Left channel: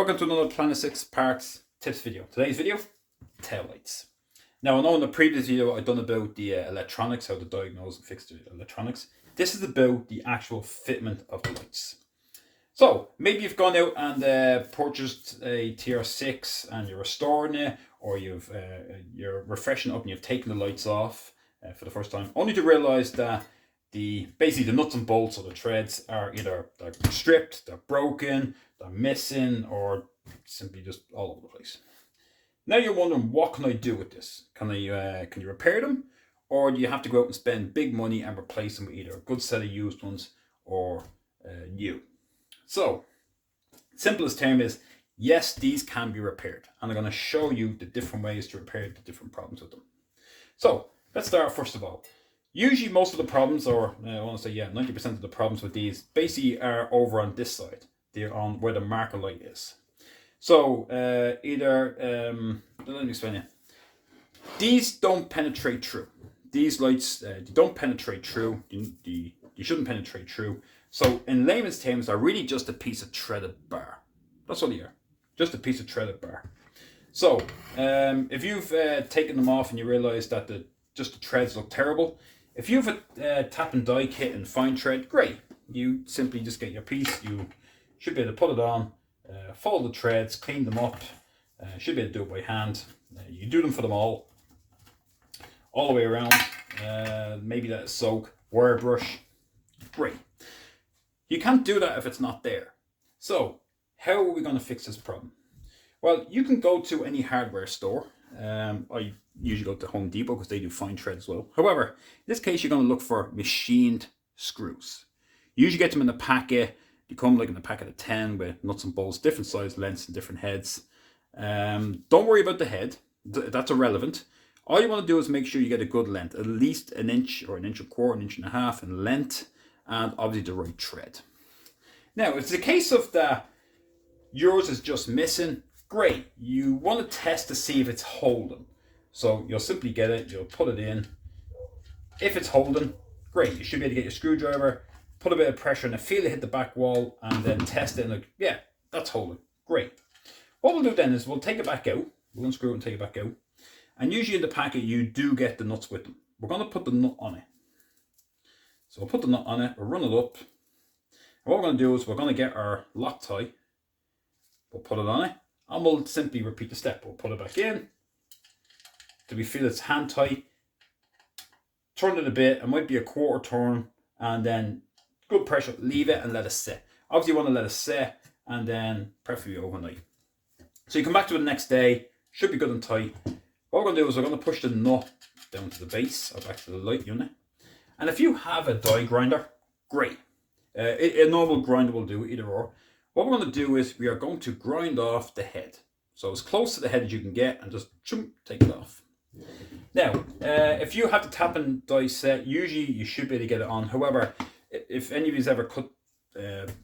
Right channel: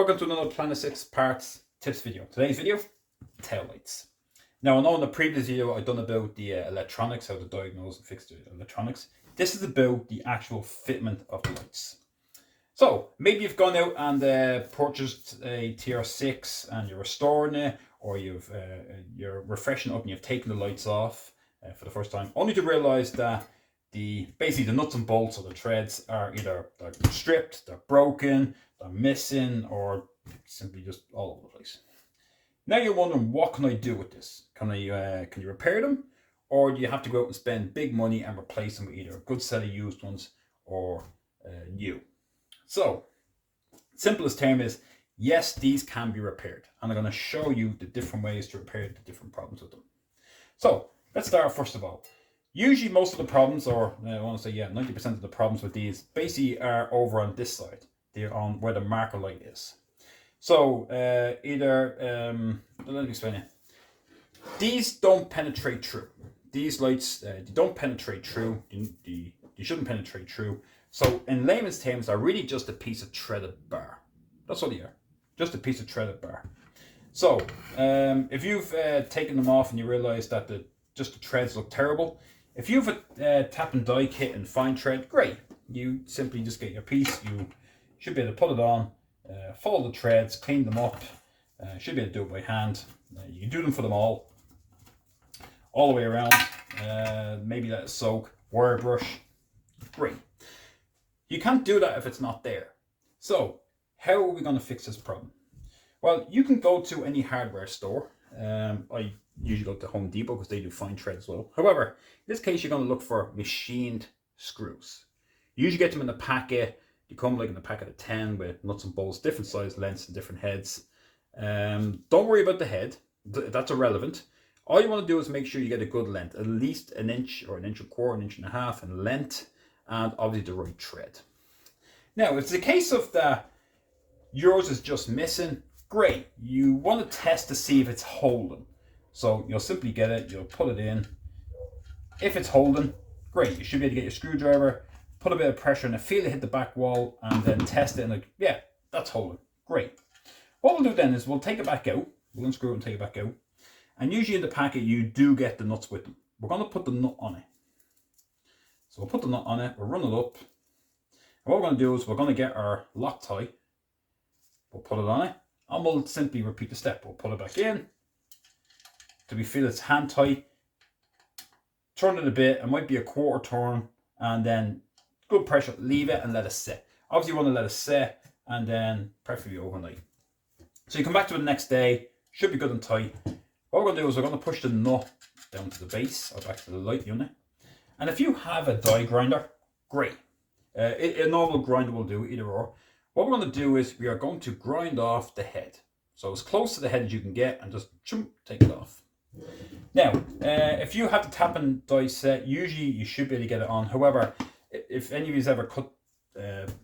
Welcome to another Planet 6 parts tips video. Today's video, tail lights. Now I know in the previous video I've done about the electronics, how to diagnose and fix the electronics. This is about the actual fitment of the lights. So maybe you've gone out and purchased a Tr6 and you're restoring it, or you're refreshing it up and you've taken the lights off for the first time, only to realize that basically the nuts and bolts or the threads are either they're stripped, they're broken, they're missing, or simply just all over the place. Now you're wondering, what can I do with this? Can you repair them, or do you have to go out and spend big money and replace them with either a good set of used ones or new? So simplest term is yes, these can be repaired, and I'm going to show you the different ways to repair the different problems with them. So let's start first of all. Usually most of the problems, or I want to say 90% of the problems with these basically are over on this side. They're on where the marker light is. So let me explain it. These don't penetrate through. These lights, they don't penetrate through. You shouldn't penetrate through. So in layman's terms, they're really just a piece of threaded bar. That's what they are. Just a piece of threaded bar. So if you've taken them off and you realize that the threads look terrible, if you have a tap and die kit and fine thread, great. You simply just get your piece. You should be able to put it on, follow the threads, clean them up. Should be able to do it by hand. You do them for them all the way around. Maybe let it soak, wire brush, great. You can't do that if it's not there. So how are we going to fix this problem? Well, you can go to any hardware store. I usually go to Home Depot because they do fine thread as well. However, in this case, you're going to look for machined screws. You usually get them in a packet. You come like in a packet of 10 with nuts and bolts, different size lengths and different heads. Don't worry about the head. That's irrelevant. All you want to do is make sure you get a good length, at least an inch or an inch and a quarter, an inch and a half in length, and obviously the right thread. Now, if it's a case of that yours is just missing, great. You want to test to see if it's holding. So you'll simply get it, you'll put it in. If it's holding, great. You should be able to get your screwdriver, put a bit of pressure on it, feel it hit the back wall, and then test it and like, yeah, that's holding. Great. What we'll do then is we'll take it back out. We'll unscrew it and take it back out. And usually in the packet, you do get the nuts with them. We're going to put the nut on it. So we'll put the nut on it, we'll run it up. And what we're going to do is we're going to get our Loctite. We'll put it on it. And we'll simply repeat the step. We'll put it back in till we feel it's hand tight. Turn it a bit. It might be a quarter turn. And then good pressure. Leave it and let it set. Obviously you want to let it set and then preferably overnight. So you come back to it the next day. Should be good and tight. What we're going to do is we're going to push the nut down to the base or back to the light unit. And if you have a die grinder, great. A normal grinder will do, either or. What we're going to do is we are going to grind off the head. So as close to the head as you can get and just take it off. Now, if you have the tap and die set, usually you should be able to get it on. However, if any of you's ever cut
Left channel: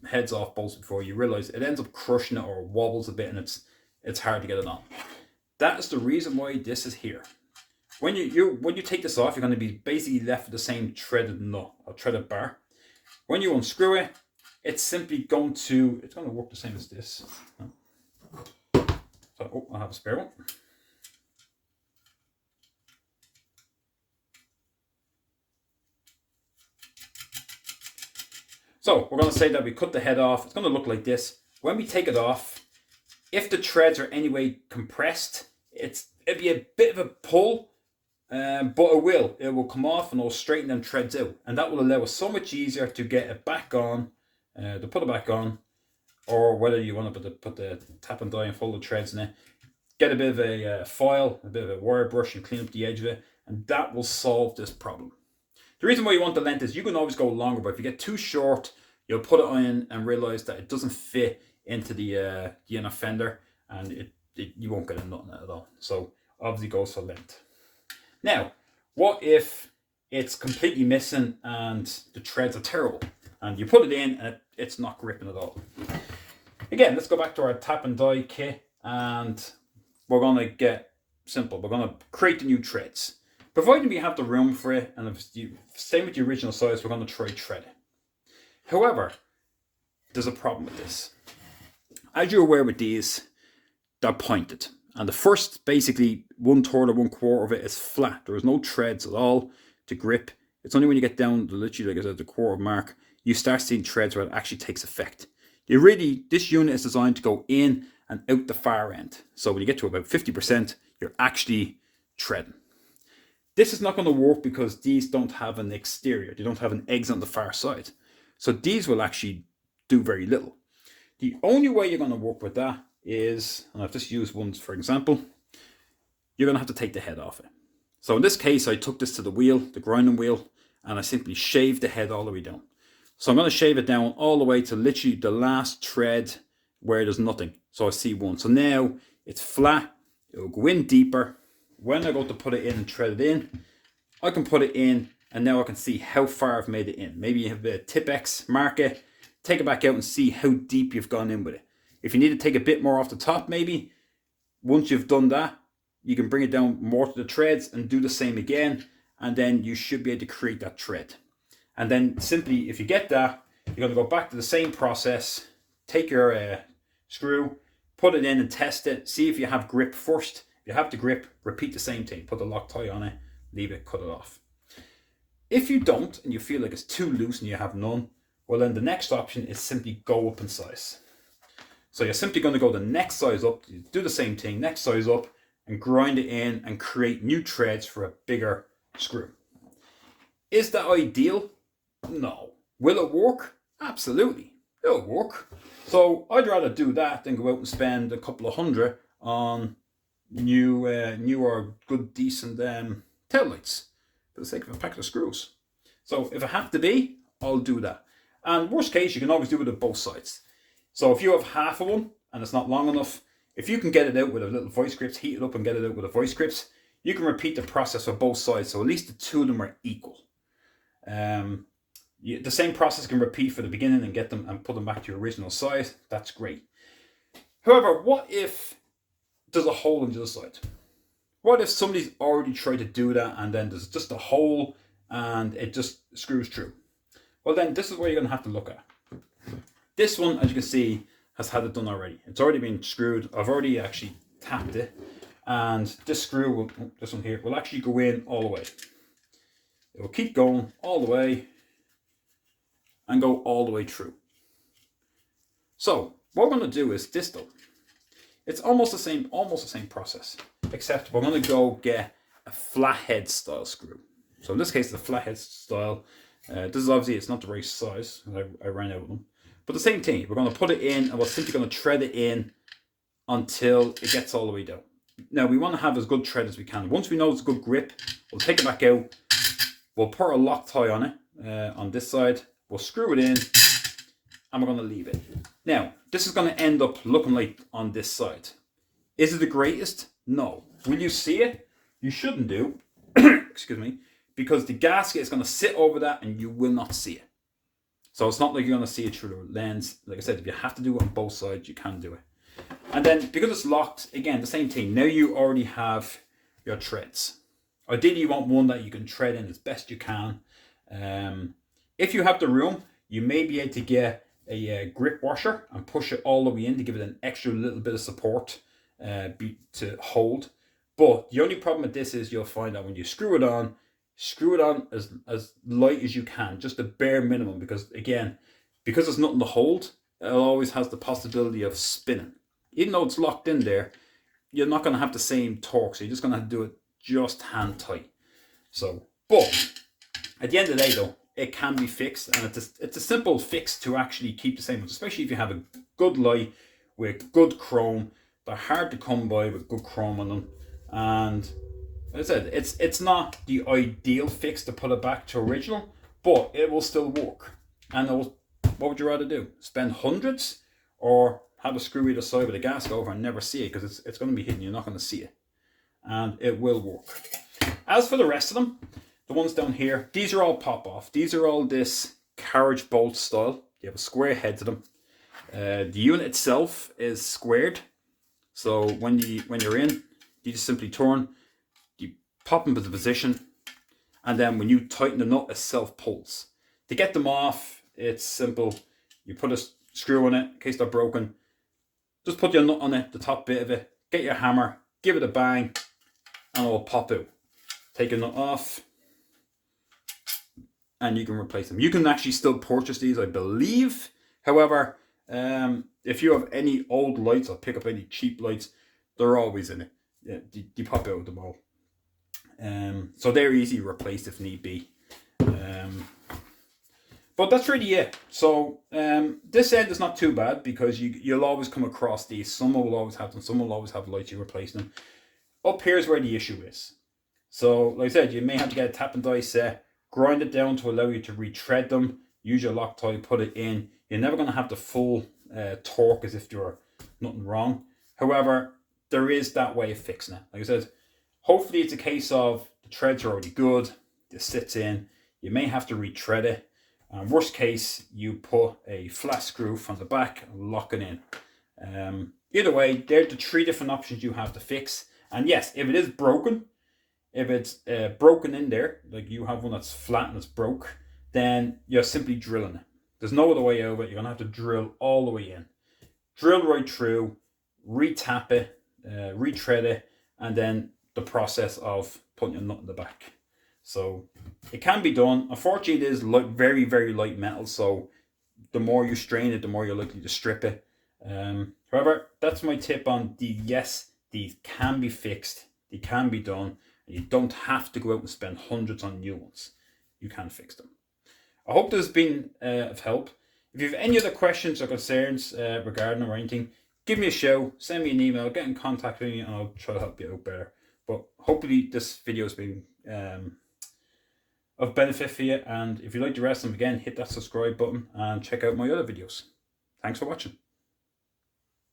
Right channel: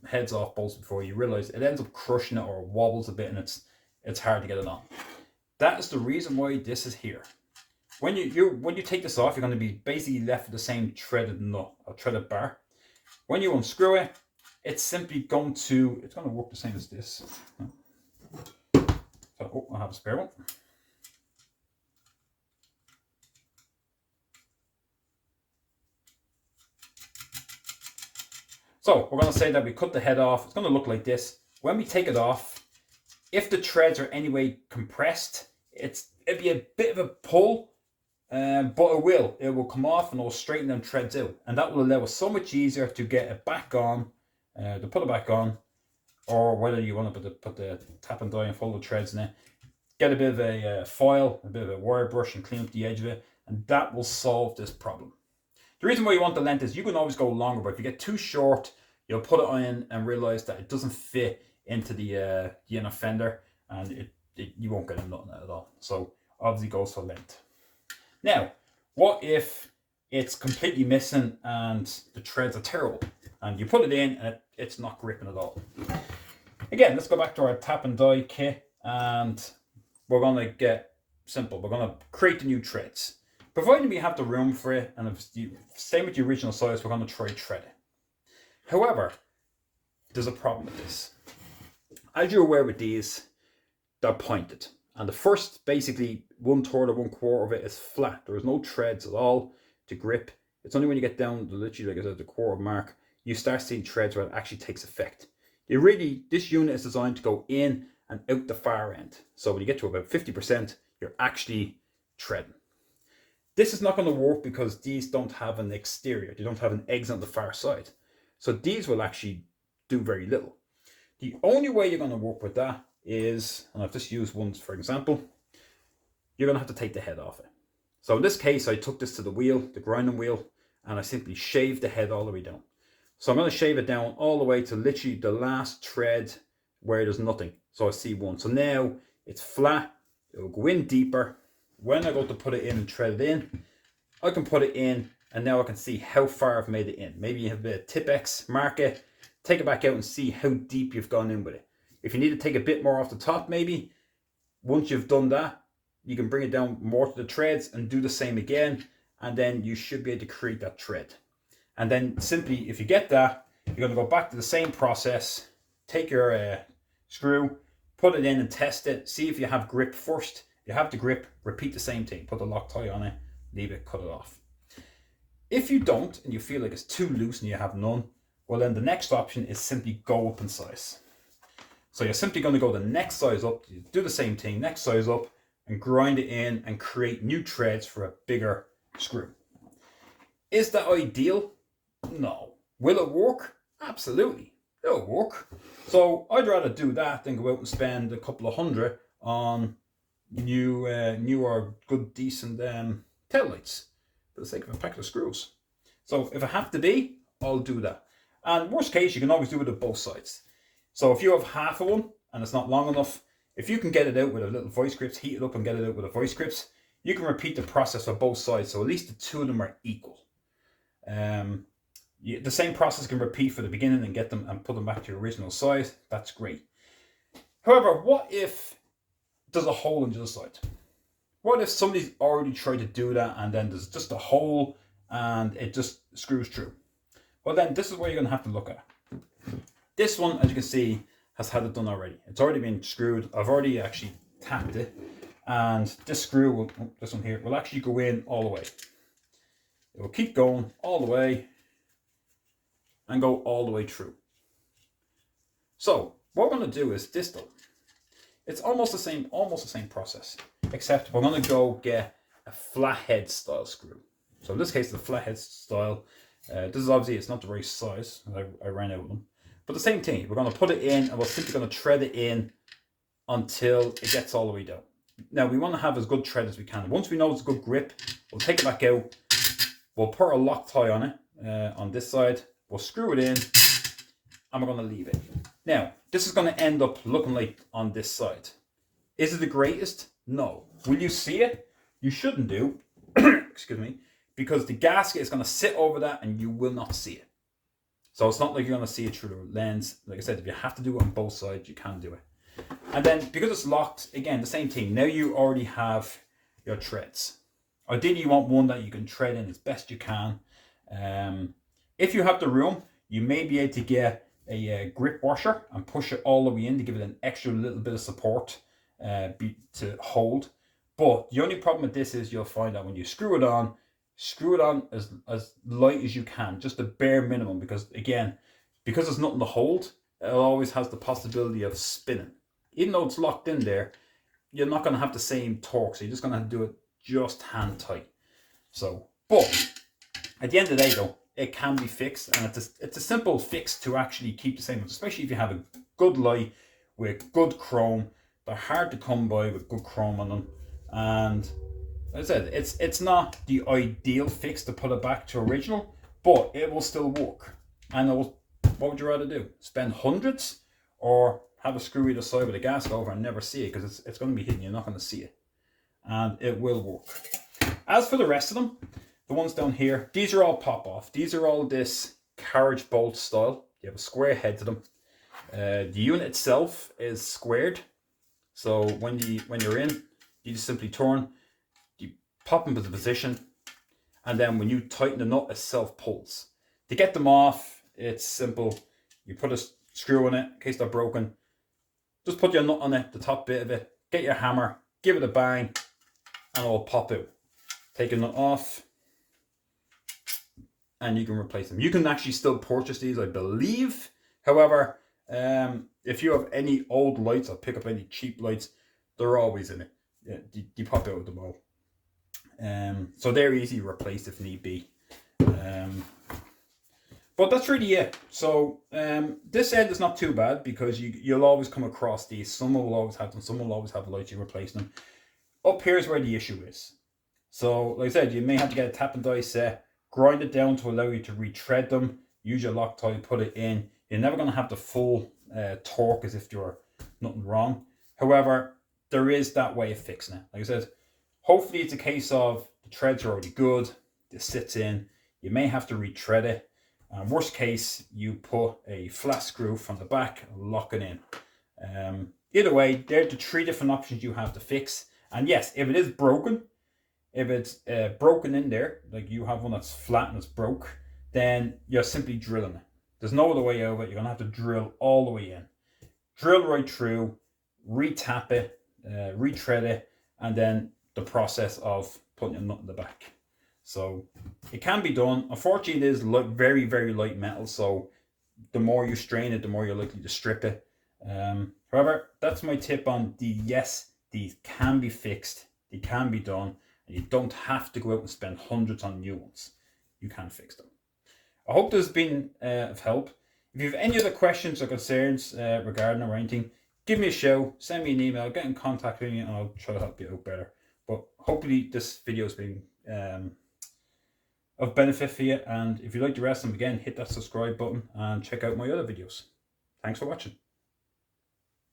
heads off bolts before, you realize it ends up crushing it or wobbles a bit and it's hard to get it on. That is the reason why this is here. When you take this off, you're going to be basically left with the same threaded nut or threaded bar. When you unscrew it, it's simply going to work the same as this. So, I have a spare one. So we're going to say that we cut the head off. It's going to look like this. When we take it off, if the threads are anyway compressed, it'd be a bit of a pull, but it will come off and it'll straighten them threads out, and that will allow us so much easier to get it back on. To put it back on, or whether you want to put the tap and die and follow the threads in it, get a bit of a foil, a bit of a wire brush and clean up the edge of it, and that will solve this problem. The reason why you want the length is you can always go longer, but if you get too short, you'll put it on and realize that it doesn't fit into the inner fender, and you won't get nothing at all. So obviously goes for length. Now, what if it's completely missing and the threads are terrible? And you put it in and it's not gripping at all. Again, let's go back to our tap and die kit, and we're going to get simple. We're going to create the new threads. Providing we have the room for it, and if it's same with the original size, we're going to try thread it. However, there's a problem with this. as you're aware with these, they're pointed. And the first, basically, 1/3 or 1/4 of it is flat. There is no threads at all to grip. It's only when you get down to literally, like I said, the quarter mark, you start seeing threads where it actually takes effect. This unit is designed to go in and out the far end. So when you get to about 50%, you're actually threading. This is not going to work because these don't have an exterior. They don't have an exit on the far side. So these will actually do very little. The only way you're going to work with that is, and I've just used ones for example, you're going to have to take the head off it. So in this case, I took this to the wheel, the grinding wheel, and I simply shaved the head all the way down. So I'm going to shave it down all the way to literally the last thread where there's nothing. So I see one. So now it's flat. It'll go in deeper. When I go to put it in and thread it in, I can put it in and now I can see how far I've made it in. Maybe you have a Tip6, mark it, take it back out and see how deep you've gone in with it. If you need to take a bit more off the top, maybe, once you've done that, you can bring it down more to the threads and do the same again. And then you should be able to create that thread. And then simply, if you get that, you're going to go back to the same process. Take your screw, put it in and test it. See if you have grip first. If you have the grip, repeat the same thing. Put the Loctite on it, leave it, cut it off. If you don't, and you feel like it's too loose and you have none, well then the next option is simply go up in size. So you're simply going to go the next size up, you do the same thing, next size up, and grind it in and create new threads for a bigger screw. Is that ideal? No. Will it work? Absolutely. It'll work. So I'd rather do that than go out and spend a couple of $100 on new or good decent tail lights for the sake of a pack of screws. So if it have to be, I'll do that. And worst case, you can always do it at both sides. So if you have half of one and it's not long enough, if you can get it out with a little voice grips, heat it up and get it out with a voice grips, you can repeat the process for both sides. So at least the two of them are equal. The same process can repeat for the beginning and get them and put them back to your original size. That's great. However, what if there's a hole in the other side? What if somebody's already tried to do that and then there's just a hole and it just screws through? Well then, this is what you're going to have to look at. This one, as you can see, has had it done already. It's already been screwed. I've already actually tapped it. And this screw, this one here, will actually go in all the way. It will keep going all the way and go all the way through. So what we're going to do is this though. It's almost the same process, except we're going to go get a flathead style screw. So in this case, the flathead style, this is obviously, it's not the right size. I ran out of them. But the same thing, we're going to put it in and we're simply going to thread it in until it gets all the way down. Now we want to have as good thread as we can. Once we know it's a good grip, we'll take it back out. We'll put a Loctite on it, on this side. We'll screw it in and we're going to leave it. Now, this is going to end up looking like on this side. Is it the greatest? No. Will you see it? You shouldn't do, excuse me, because the gasket is going to sit over that and you will not see it. So it's not like you're going to see it through the lens. Like I said, if you have to do it on both sides, you can do it. And then because it's locked, again, the same thing. Now you already have your threads. Ideally, you want one that you can thread in as best you can. If you have the room, you may be able to get a grip washer and push it all the way in to give it an extra little bit of support to hold. But the only problem with this is you'll find that when you screw it on as light as you can, just the bare minimum, because again, because there's nothing to hold, it always has the possibility of spinning. Even though it's locked in there, you're not going to have the same torque, so you're just going to have to do it just hand tight. So, but at the end of the day though, it can be fixed, and it's a simple fix to actually keep the same, especially if you have a good light with good chrome. They're hard to come by with good chrome on them, and as I said, it's not the ideal fix to put it back to original, but it will still work. And what would you rather do? Spend hundreds, or have a screw either side with a gasket over and never see it, because it's going to be hidden, you're not going to see it, and it will work. As for the rest of them, the ones down here, these are all pop off. These are all this carriage bolt style. You have a square head to them. The unit itself is squared, so when you're in, you just simply turn, you pop them into position, and then when you tighten the nut, it self pulls. To get them off, it's simple. You put a screw in it in case they're broken. Just put your nut on it, the top bit of it, get your hammer, give it a bang, and it'll pop out. Take a nut off, and you can replace them. You can actually still purchase these, I believe. However, if you have any old lights or pick up any cheap lights, they're always in it. Yeah, you pop out with them all. So they're easy to replace if need be. But that's really it. So this end is not too bad because you'll always come across these. Some will always have them. Some will always have lights. You replace them. Up here is where the issue is. So like I said, you may have to get a tap and die set, grind it down to allow you to retread them. Use your Loctite, put it in. You're never going to have the full torque as if you're nothing wrong. However, there is that way of fixing it. Like I said, hopefully it's a case of the treads are already good. It sits in. You may have to retread it. Worst case, you put a flat screw from the back and lock it in. Either way, they're the 3 different options you have to fix. And yes, if it is broken, if it's broken in there, like you have one that's flat and it's broke, then you're simply drilling it. There's no other way over it. You're going to have to drill all the way in. Drill right through, re-tap it, retread it, and then the process of putting a nut in the back. So it can be done. Unfortunately, it is very, very light metal. So the more you strain it, the more you're likely to strip it. However, that's my tip on these. Yes, these can be fixed. They can be done. And you don't have to go out and spend hundreds on new ones. You can fix them. I hope this has been of help. If you have any other questions or concerns regarding or anything, give me a shout, send me an email, get in contact with me, and I'll try to help you out better. But hopefully this video has been of benefit for you. And if you'd like the rest of them, again, hit that subscribe button and check out my other videos. Thanks for watching.